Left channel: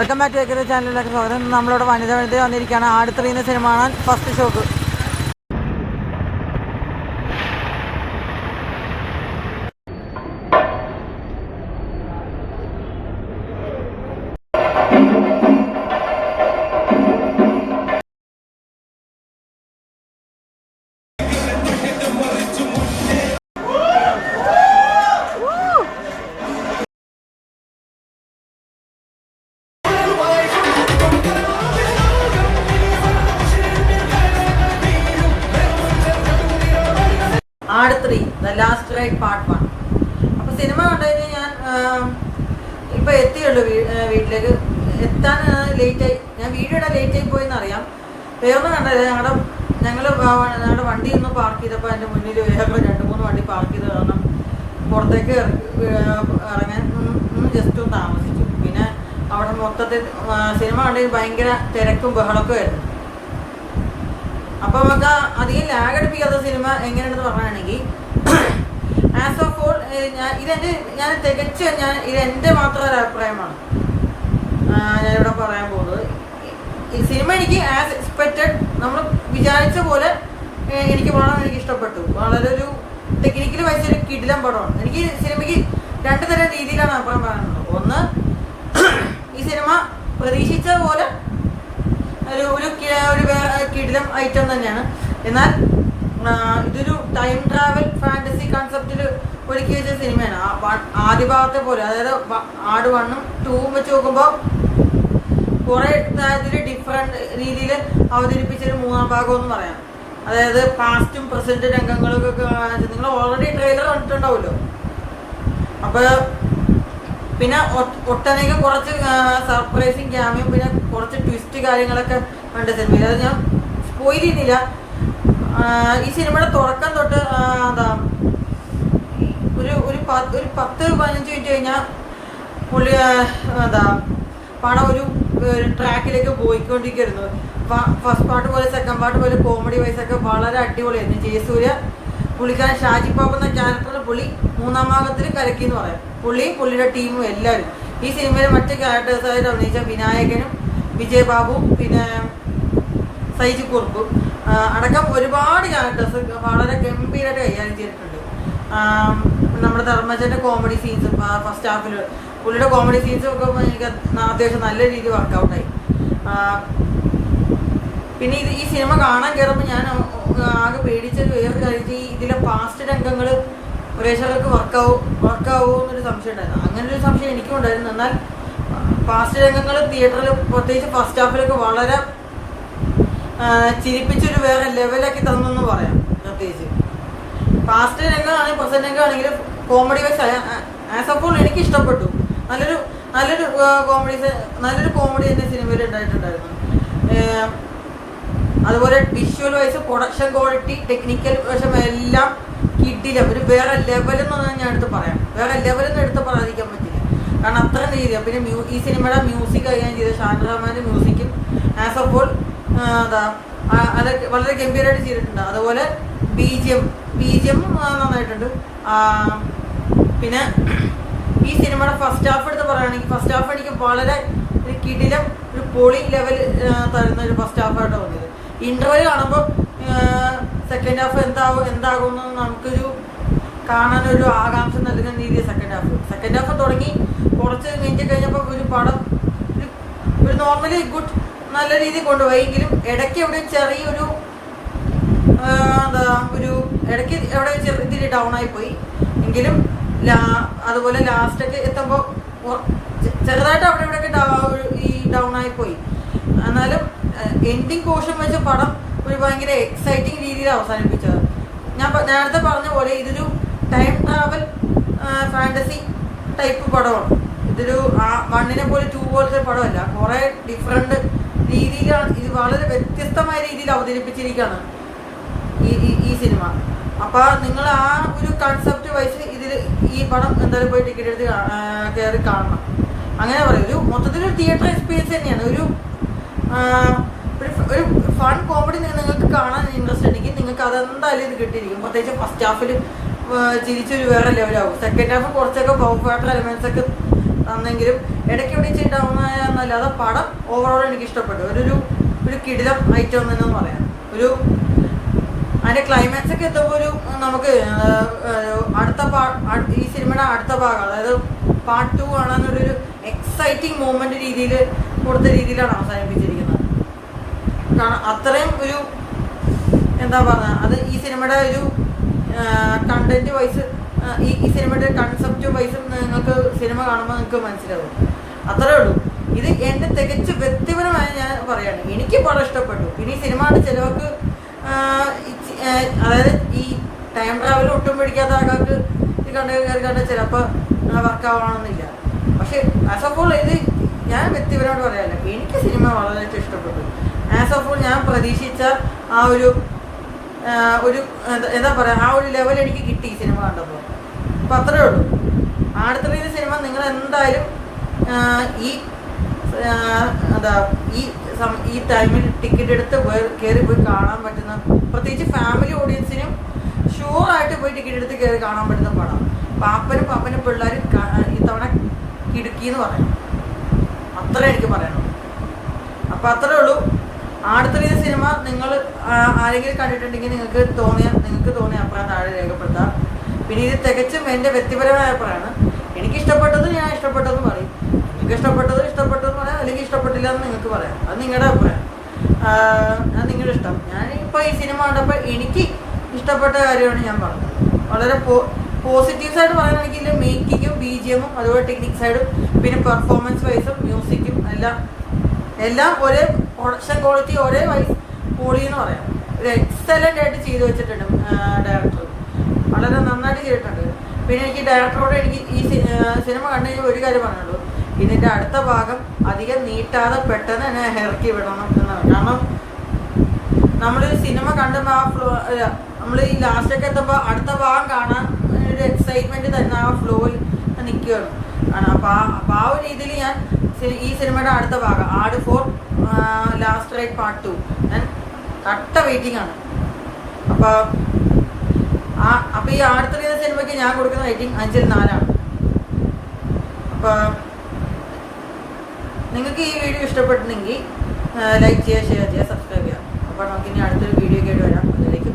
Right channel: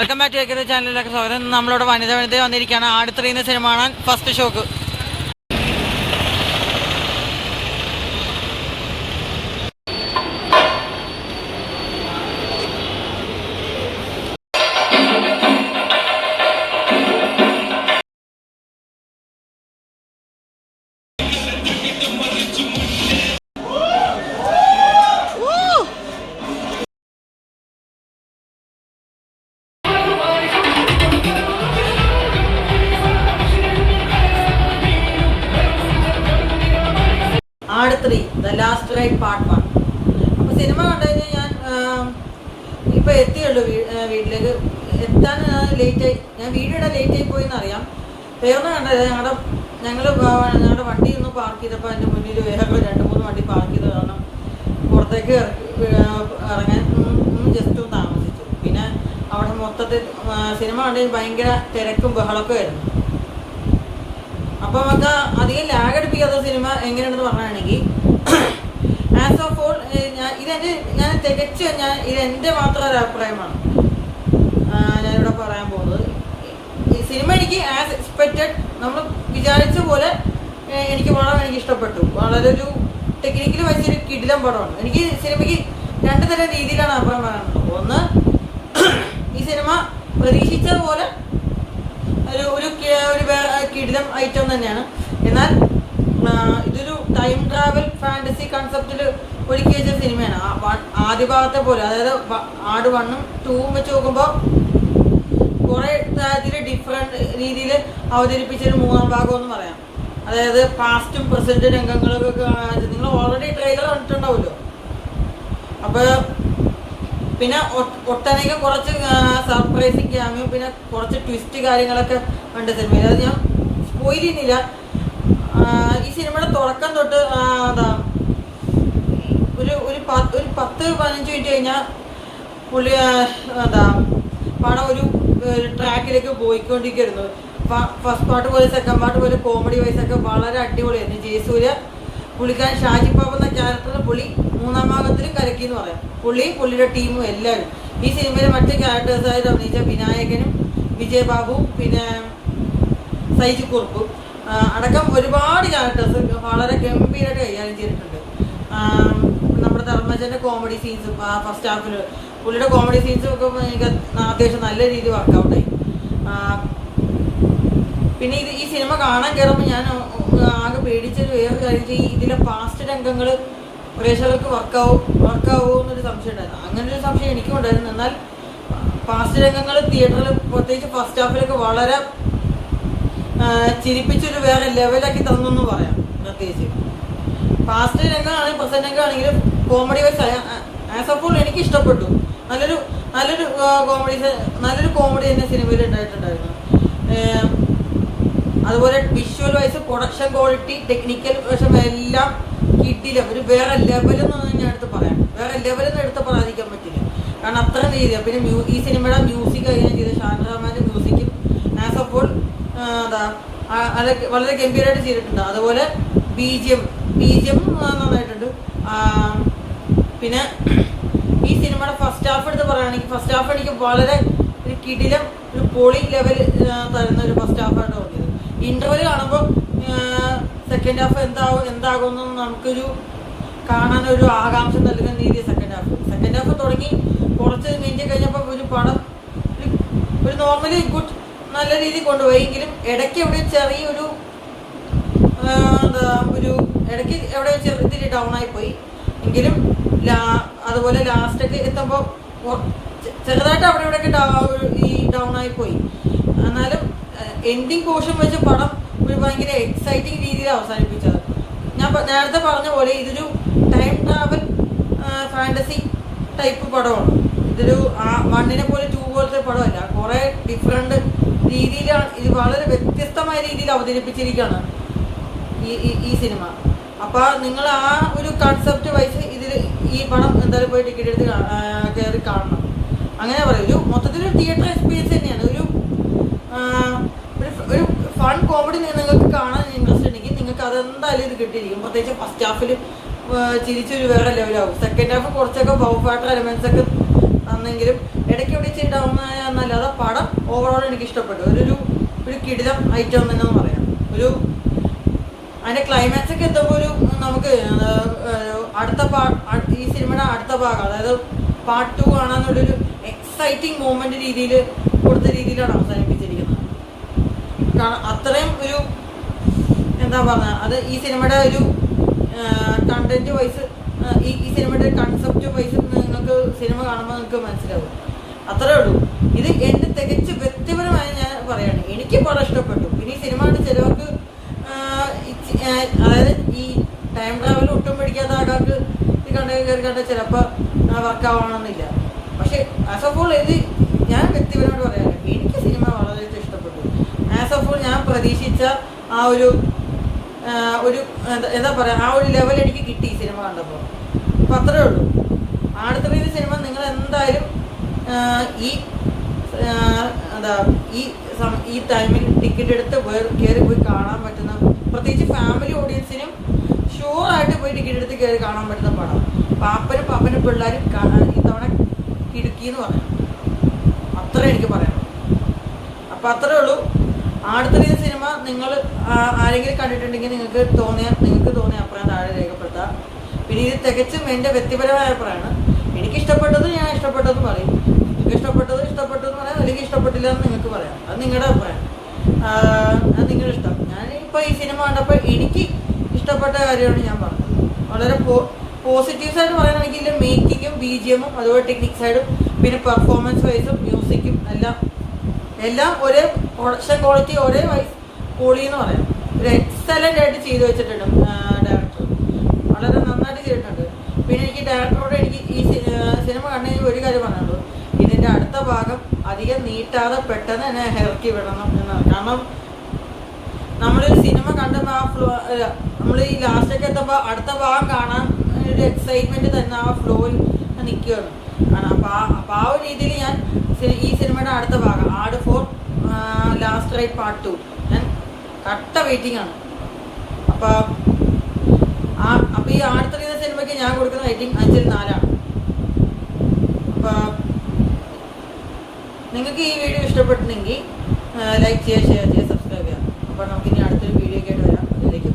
Welcome back to ഏകദേശ ചാനലിലേക്ക് സ്വാഗതം. നമ്മളോട് വനിത വന്നിരിക്കുകയാണ്. ആട് 3 എന്ന സിനിമ കാണാൻ ഫസ്റ്റ് ഷോക്ക്. ആട് 3 ദ ലാസ്റ്റ് റൈഡ് പാർട്ട് 1. അപ്പോൾ സിനിമ കണ്ടുകഴിഞ്ഞാൽ ഞാൻ ഇപ്പോൾ എത്തിയുള്ളൂ വീട്ടിലേക്ക്. എത്താൻ ലേറ്റായി. ഞാൻ വീഡിയോ ഇടാൻ ലേറ്റായി പോയെന്ന് അറിയാം. വേറൊന്നും കണ്ടത് ഞങ്ങളുടെ വണ്ടി ഒന്ന് പാർക്ക് ചെയ്തപ്പോൾ അതിൻ്റെ മുന്നിൽ വേറെ 2-3 വണ്ടി പാർക്ക് ചെയ്ത് കാരണം പുറത്തേക്ക് ഇറങ്ങാൻ ജസ്റ്റ് ഒന്ന് താമസിച്ചു. പിന്നെ അവിടെ മൊത്തത്തിൽ സിനിമ കണ്ടതിന് ഭയങ്കര തിരക്കും ബഹളമൊക്കെ ആയിരുന്നു. അപ്പോൾ നമുക്ക് അധികം ലാഗ് അടിപ്പിക്കാത്ത സിനിമ എങ്ങനെയാണെന്ന് പറയുകയാണെങ്കിൽ, ആസ് ഓഫ് ഓൾ ഇതെൻ്റെ മാത്രം ഒരു അഭിപ്രായമാണ് ഞാനിവിടെ പറയാൻ പോകുന്നത്. ഈ സിനിമ എനിക്ക് ആസ് എക്സ്പെക്റ്റഡ്, നമ്മൾ വിചാരിച്ച പോലെ എനിക്ക് ഇഷ്ടപ്പെട്ടു. വളരെ ഒരു ടെക്നിക്കൽ വൈസ് ഒരു കിടിലം പടമാണ്. എനിക്ക് സിനിമയ്ക്ക് 2 തരം രീതിയിലാണ് അഭിപ്രായം പറയാനുള്ളത്. ഒന്ന്, ഈ സിനിമ പ്രതീക്ഷിച്ചതുപോലെ ഒരു കിടിലം ഐറ്റം തന്നെയാണ്. എന്നാൽ ഇതൊരു ടൈം ട്രാവൽ ഫാന്റസി കൺസെപ്റ്റിൽ ഒരുക്കി വെച്ച സിനിമയാണ്. ആദ്യ ഭാഗത്തെ പോലെ, അതായത് ആട് 1ഉം 2ഉം വെച്ച് നോക്കുമ്പോൾ കുറെ ഡിഫറെന്റ് രീതിയിൽ അവതരിപ്പിച്ചൊരു 3ാം ഭാഗം എന്ന് പറയാം. അതായത് പാസ്റ്റും പ്രസന്റ് രംഗങ്ങളൊക്കെ നിങ്ങൾ ഓൾറെഡി ട്രെയിലർ കണ്ടിട്ടുണ്ടാവുമല്ലോ. അപ്പൊ പിന്നെ ഒട്ടനേകം കുറച്ച് സർപ്രൈസിങ് ക്യാമിയും പിന്നെ കുറച്ച് ട്വിസ്റ്റ് കാര്യങ്ങളൊക്കെ ഉണ്ട് സിനിമയിൽ. അത് ഞാൻ സ്പോയിൽ ചെയ്യുന്നില്ല. ഈ സിനിമയുടെ തുടക്കം തൊട്ട് ഒരു 10-15 മിനിറ്റ് കഴിഞ്ഞാൽ പുള്ളി പടം ഒരു ട്രാക്കിലേക്ക് പോയിക്കൊണ്ടിരിക്കുന്നു. ഫസ്റ്റ് പാർട്ട് പോലെ സെക്കൻഡ് പാർട്ട് പോലെ കോമഡി വൈസ് ഒക്കെ വളരെ അടിപൊളിയായിരുന്നു. ജയസൂര്യ പുള്ളിക്കാരൻ ഷാജി പാപ്പ എന്ന ക്യാരക്ടറിന് പുള്ളി 3ാം ഭാഗത്തിൽ കലക്കി എന്ന് പറയാം. പുള്ളിയും പുള്ളിയുടെ ടീമും എല്ലാവരും. ഈ സിനിമയിലെ മറ്റ് ക്യാരക്ടേഴ്സായിട്ട് അഭിനയിച്ച വിനായകനും വിജയബാബുവും പിന്നെ സൈജു കുറുപ്പും അടക്കം ഒരുപാട് ക്യാരക്ടേഴ്സ് വളരെ ഗംഭീരമായിട്ട് കൈകാര്യം ചെയ്തിട്ടുണ്ട്. നമ്മുടെ ധർമ്മജന്റെ കോമഡി സീൻസും ഫസ്റ്റ് ഹാഫിൽ പുള്ളിയുടെ കോമഡി സീൻസും ഒക്കെ എനിക്ക് അത്യാവശ്യം നല്ല രീതിയിൽ വർക്കൗട്ടായി. പിന്നെ ഈ സിനിമ കാണാൻ കയറുമ്പോൾ ഞാൻ ആകെ പേടിച്ചൊരു വേറെ കാര്യം, ഇതിലെ പാസ്റ്റ് രംഗങ്ങൾ പ്രേക്ഷകർക്ക് വർക്കാവോ എന്നൊരു സംശയം ഉണ്ടായിരുന്നു. അങ്ങനെ ഒരു സംശയം എനിക്കും ഉണ്ടായിരുന്നു. എന്നാൽ പാസ്റ്റ് രംഗങ്ങൾ തിയേറ്ററിൽ പ്രത്യേകിച്ച് ഫസ്റ്റ് ഹാഫിലൊക്കെ വളരെ ചിരിപ്പിച്ചൊരു വേറെ ലെവലാക്കി തന്നെന്ന് പറയാം. പ്രത്യേകിച്ച് പാസ്റ്റ് രംഗമാണെങ്കിൽ പ്രസന്റ് രംഗമാണെങ്കിലും comedy wise as of all എനിക്ക് ഇഷ്ടപ്പെട്ടു. നല്ലൊരു കോമഡി തന്നെ സിനിമയിൽ ഉണ്ടായിട്ടുണ്ടായിരുന്നു. അതുപോലെ visual wise production quality technical വശം എല്ലാം കിട്ടില്ല. ഒരു വേറെ ലെവലെന്ന് ഞാൻ എടുത്ത് പറയാം. വേറെ ലെവലെന്ന് എടുത്ത് പറയാതിരിക്കാൻ പറ്റില്ല. കാരണം അത്ര രീതിയാണ്. പിന്നെ ഈ സിനിമയുടെ മ്യൂസിക് കൈകാര്യം ചെയ്ത ഷാൻ റഹ്മാന്റെ മ്യൂസിക്കും ആസ് ഓഫ് ഓൾ അതൊക്കെ വളരെ ഗംഭീരമായിട്ട് ചെയ്തിട്ടുണ്ട്. അതുപോലെ ബിജിഎം നന്നായിട്ടുണ്ട്. പിന്നെ ഈ സിനിമയുടെ ഫസ്റ്റ് ഹാഫ് എടുത്ത് പറയുകയാണെങ്കിൽ, ഫസ്റ്റ് ഹാഫ് എനിക്ക് വളരെ ഒരു കിടിലം ഒരു പൊളി ലെവൽ തരുന്ന ഒരു ഫസ്റ്റ് ഹാഫായിട്ട് തോന്നിയത്. ഇന്റർവെൽ കാണുമ്പോൾ സെക്കൻഡ് ഹാഫ് എന്താകുമെന്ന് നമുക്കൊരു കാണാനൊരു ആകാംക്ഷ നൽകുന്ന രീതിയിൽ സെക്കൻഡ് ഹാഫ് തുടങ്ങി കുറച്ച് മിനിറ്റ് കഴിഞ്ഞപ്പോൾ ഒരു പടം ഒരു നോർമലി ഗുഡ് നല്ല രീതിയിൽ കൊണ്ടുപോയി. എങ്കിലും ഇടയ്ക്ക് എവിടെ ചെറിയൊരു ഇടയ്ക്ക് എവിടെ ചെറിയ ഡൗൺ ആയിപ്പോയി. എങ്കിലും അതുപോലെ ലാസ്റ്റൊക്കെ എത്തുമ്പോൾ ചെറുതായിട്ട് അവിടെ ഇവിടെയൊക്കെ ഈ ഡൗൺ ആയിപ്പോയി. എന്നാലും എൻഡിങ് പോർഷൻ വെച്ച പടം ഒരു ഭയങ്കര എക്സൈറ്റിംഗ് രീതിയിൽ അവസാനിപ്പിച്ചത്. ഞാൻ നേരത്തെ പറഞ്ഞ പോലെ ഇതൊരു ടൈം ട്രാവൽ ഫാന്റസി ടൈപ്പ് പടമാണ്. ഇതൊരു 1നെ പോലെ 2 പോലത്തെ പടമല്ല. കുറെ ഡിഫറെന്റ് രീതിയിലാണ് ഇത്, വളരെ വ്യത്യസ്തമായ രീതിയിൽ അവതരിപ്പിച്ചിരിക്കുകയാണ് ഈ സിനിമ. അപ്പൊ നിങ്ങൾ ആ ഒരു കൺസെപ്റ്റ് വൈസ് ഈ പടം എന്തായാലും പോയി ടിക്കറ്റ് എടുത്ത് കയറി കാണണം. അങ്ങനെ പറയും. ഒരു മൊത്തത്തിലൊരു തിയേറ്റർ എക്സ്പീരിയൻസ് തന്നെയാണ്. ഒരു ഫൺ കോമഡി നിങ്ങൾക്ക് കാണാൻ ഇൻട്രസ്റ്റ് ഉണ്ടെങ്കിൽ നിങ്ങൾക്ക് അതെന്തായാലും ഇത് കിട്ടിയിരിക്കും. പ്രത്യേകിച്ച് ഫസ്റ്റ് ഹാഫിൽ ചിരിച്ചൊരു വേറെ ലെവലാവും. സെക്കൻഡ് ഹാഫ് കുറച്ചൊക്കെ ബൗ ഫാക്ടർ എലമെന്റ്സ് ഒക്കെ തന്നെങ്കിലും ഇടയ്ക്ക് ഇടിച്ച് ഉണ്ടാവുന്നതല്ലാതെ പടം ഓവറോൾ എനിക്ക് ഇഷ്ടപ്പെട്ടു. ഒരു കിടിലം ഐറ്റം തന്നെ പറയാം. അതിന്റെ ക്ലൈമാക്സ് ഒക്കെ എത്തുമ്പോൾ നമുക്ക് ഈ സിനിമയുടെ അടുത്ത ഭാഗം, അതായത് പാർട്ട് 2 കാണാന്നുള്ളൊരു എക്സൈറ്റിംഗ് മൂമെന്റ് കൊടുത്ത രീതിയിലാണ് അവസാനിപ്പിച്ചിരിക്കുന്നത്. കാരണം അത്രയും എന്താ പറയുക, അത് ഈ സിനിമയുടെ കണ്ടന്റ് വൈസ്, ഈ സിനിമയുടെ കൺസെപ്റ്റ് വൈസ് നിങ്ങൾക്ക് സിനിമ കാണുമ്പോൾ നിങ്ങൾക്ക് മനസ്സിലാവും. അത്രേ ഉള്ളൂ. ഇത് എന്റെ തികച്ച് വ്യക്തിപരമായി ഞാൻ പറയാണ്, എനിക്ക് പടം ഇഷ്ടപ്പെട്ടു. പിന്നെ ഈ സിനിമയുടെ ചിലവർക്ക്, അതായത് ഈ ടൈം ട്രാവൽ ഒട്ടും പിടിക്കാത്ത ആൾക്കാർക്ക് ഇത് കണ്ട് ചിലപ്പോൾ വർക്കാവണമെന്നില്ല. പക്ഷെ ആസ് ഓഫ് ഓൾ ഇത് ഞാൻ വ്യക്തിപരമായിട്ട് പറയാനില്ല, എനിക്ക് സിനിമ വളരെ ഇഷ്ടപ്പെട്ടു. ആസ് ഓഫ് ഓൾ ഞാൻ പ്രതീക്ഷിച്ച ആ എന്താ പറയുക, ആ ഒരു ലെവൽ എനിക്ക് കിട്ടി ഈ സിനിമ കണ്ടപ്പോൾ. അപ്പം അത്രേ ഉള്ളൂ. അടുത്ത സിനിമ നിങ്ങൾ എന്തായാലും ഈ ടൈമിൽ ടിക്കറ്റ് എടുത്ത് കയറി പോയി കാണാൻ പറ്റുന്ന, പ്രത്യേകിച്ച് ഫാമിലി ഓഡിയൻസിനും ഷുവറായിട്ട് പോയി ടിക്കറ്റ് എടുത്ത് കയറി കാണാൻ പറ്റുന്ന പടം. പാപ്പനും പിള്ളേരും ഇത്തവണ കിടുക്കിന്ന് പറയാം. അത്രേ എനിക്ക് പറയാനുള്ളൂ. അപ്പം അത്രേ ഉള്ളൂ. അടുത്ത സിനിമ നിങ്ങൾ ആരെങ്കിലും കണ്ടിട്ടുണ്ടെങ്കിൽ നിങ്ങൾക്ക് തോന്നിയ അഭിപ്രായം താഴെ രേഖപ്പെടുത്താം. പിന്നെ ഇത് തികച്ചും എൻ്റെ വ്യക്തിപരമായ അഭിപ്രായമാണ്. എനിക്കിഷ്ടപ്പെട്ടത് ഞാൻ ഇഷ്ടപ്പെട്ടതെന്ന് പറയും, നിങ്ങൾക്ക് ഇഷ്ടപ്പെട്ടതെന്ന് പറയാം, അല്ലെങ്കിൽ ഇഷ്ടപ്പെട്ടില്ല എന്ന് നിങ്ങൾക്ക് പറയാം. അത് നിങ്ങളുടെ അഭിപ്രായം, അത് നിങ്ങളുടെ ഇഷ്ടം. ഞാൻ ഇപ്പോൾ ഈ സിനിമ കണ്ടപ്പോൾ എനിക്ക് ഇഷ്ടപ്പെട്ട കാര്യമാണ് ഞാൻ പറഞ്ഞത്. വളരെ പോസിറ്റീവ്സ് ആയിട്ട് പറയുകയാണെങ്കിൽ മേക്കിങ്ങും BGM അതുപോലെ ടെക്നിക് സൈഡും പിന്നെ പെർഫോമൻസ് വൈസും മ്യൂസിക്കും എല്ലാം ഒരേ പ്രൊഡക്ഷൻ ക്വാളിറ്റി ഒരേ വൈസ് പൊളി എന്ന് പറയാം. ഒരു എക്സലൻ്റ് ആയിട്ട് ചെയ്തു വെച്ചിട്ടുണ്ട് ഡയറക്ടർ, വളരെ നന്നായിട്ട് ചെയ്തിട്ടുണ്ട്. പിന്നെ എനിക്ക് ഡയറക്ടറോട് ഈ സിനിമ കണ്ടുകഴിഞ്ഞാൽ ഒരു കാര്യം പറഞ്ഞുള്ളൂ, ഇതിൻ്റെ അടുത്ത ഭാഗം അധികം നീട്ടാതെ പെട്ടെന്ന് തന്നെ ഇറക്കി വിടണം എന്നാണ്. കാരണം നമ്മളൊരു സിനിമ കണ്ടുമ്പോൾ നമ്മൾ ഈ ലാസ്റ്റൊക്കെ എത്തുമ്പോൾ അടുത്ത ഭാഗം കാണാൻ ഒരു എക്സൈറ്റ്മെന്റ് തന്നെ ആ ഫ്ലോയിൽ നിൽക്കുകയാണ്. അപ്പോൾ ആ ഒരു രീതിയിൽ ഞാൻ ഈ സിനിമയുടെ അടുത്ത ഭാഗം ആട് 4 ലാസ്റ്റ് റൈഡ് പാർട്ട് 2 ഞാൻ കട്ട വെയിറ്റിംഗ് ആണ്. അപ്പോൾ ഈ അടുത്ത സിനിമയ്ക്ക് ഞാൻ കൊടുക്കുന്ന റേറ്റിംഗ് 5/4 ആണ്. അപ്പോൾ നിങ്ങൾക്ക് ഈ വീഡിയോ ഇഷ്ടപ്പെട്ടിട്ടുണ്ടെങ്കിൽ ലൈക്ക് ചെയ്യുക, ഷെയർ ചെയ്യുക, സബ്സ്ക്രൈബ് ചെയ്യുക. അപ്പോൾ നമുക്കിനി അടുത്തൊരു വീഡിയോ ഒക്കെ ആയിട്ട് വരാം. അതിലേക്ക്